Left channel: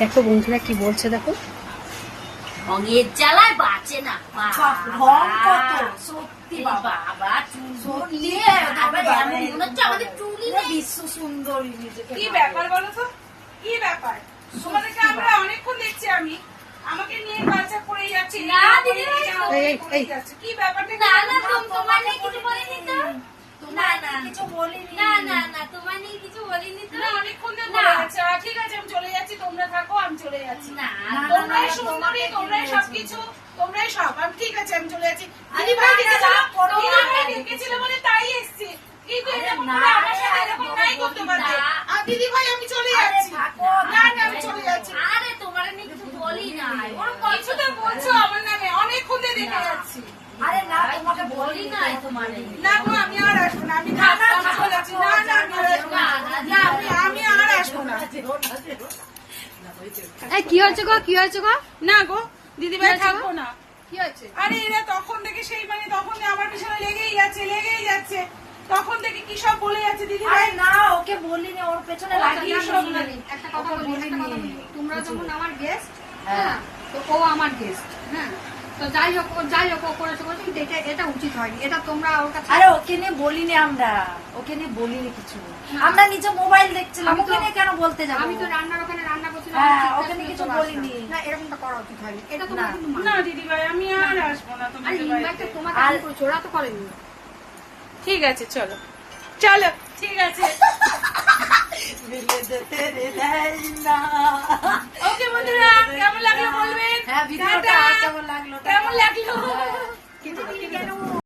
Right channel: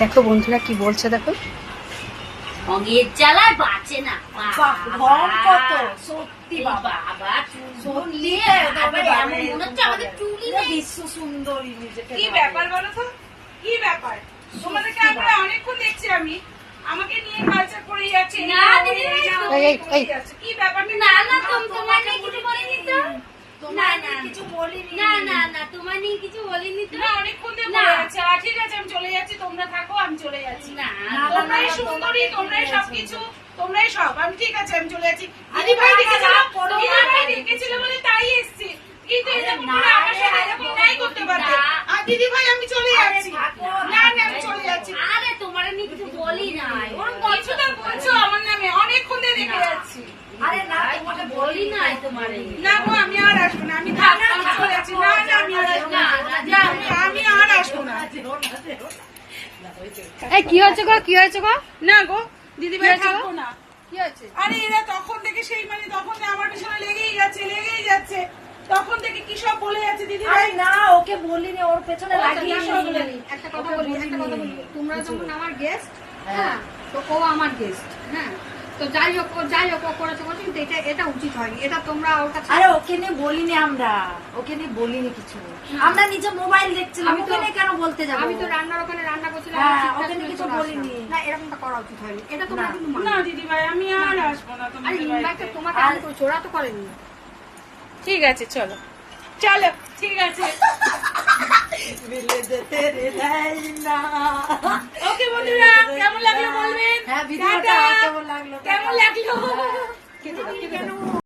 দেখো বন্ধুরা কি বলছে, দেখো অগের জ্বালায় বাঁচে না। সত্যি বাবা চুল নিয়ে মনে হচ্ছে আমাদের চুলই বিশ্ব সুন্দরী। কি ব্যাপার বলো তো, কি ব্যাপার? তোমাদেরকে আমরা অনেকক্ষণ দেখছি, আমি আমাকে নিয়ে কালচার করে যাচ্ছে। না দিদি কি ব্যাপার? না না তোমার নিয়ে কিছু বলিনি তো। কিছু বলিনি। না না না তোমার নিয়ে কিছু বলিনি তো। না অনেকক্ষণ ধরে বলে যাচ্ছে। ঠিক আছে আমি চলে যাচ্ছি, তোমরা থাকো, আমি চলে যাচ্ছি। না তোমরাই সুন্দরী, তোমরাই সবকিছু, তোমরাই সব। আমি ঠিক আছে আমি চলে যাচ্ছি। দিদি ভাই ডেকেছিল বলে তাই এসছি, কিন্তু এরকম করে আমার সাথে এরকম নাই করতে পারবে। আর দিদি ভাই আমি চলে যাচ্ছি। না না আমি চলে যাচ্ছি। আরে তোমার নিয়ে কিছু বলি না। কিছু তো বলছো আমার নামে, অনেকক্ষণ ধরে দেখে যাচ্ছি। আরে না তোমাকে বলি নাই তোমারে। না গো আমি আর আসবো না, আমি চলে যাচ্ছি। না না আমি আর আসবো না, আমি আর আসবো না। কি হয়েছে গো, কি হয়েছে গো? না গো দিদি ভাই থাকবো না। কি হয়েছে? আরে এরা তখন থেকে সেই মানে তখন আমার পিছনে লেগেই যাচ্ছে। তখন থেকে কি সব বলে যাচ্ছে দিদি ভাই। না ওকে বলিনি, ওর পেছনে লাগিয়ে সব বলি। একটা কথা বলি, তোমরা যখন আমার গেস্ট, হ্যাঁ তো ও আমার গেস্ট, হ্যাঁ তো যাই হোক ও করেছে কিন্তু এটা উচিত হয়নি, এটা তোমরা ওর কাছে। আরে ওকে নিয়ে বলিনি, ওকে নিয়ে বলিনি কিছু। আমরা নিজে মোবাইল দেখছিলাম, ওকে নিয়ে কেন বলতে যাবো? আমি তো রান্নার ওখানে রান্না করছিলাম, ওকে নিয়ে কিছু বলিনি। না এরকমটা করা উচিত হয়নি, এটা তোমরা কিন্তু না দিদি ভাই আমি আর আসবো না। আরে ইনভাইটটা তোমাকে আমি করেছি, ওরা তো করেনি। ঠিক আছে চলো চলো, ঠিক আছে। ওকে বন্ধুরা কেমন লাগলো বলবেন। হ্যাঁ ভিডিওটা কেমন লাগলো? কেমন লাগলো?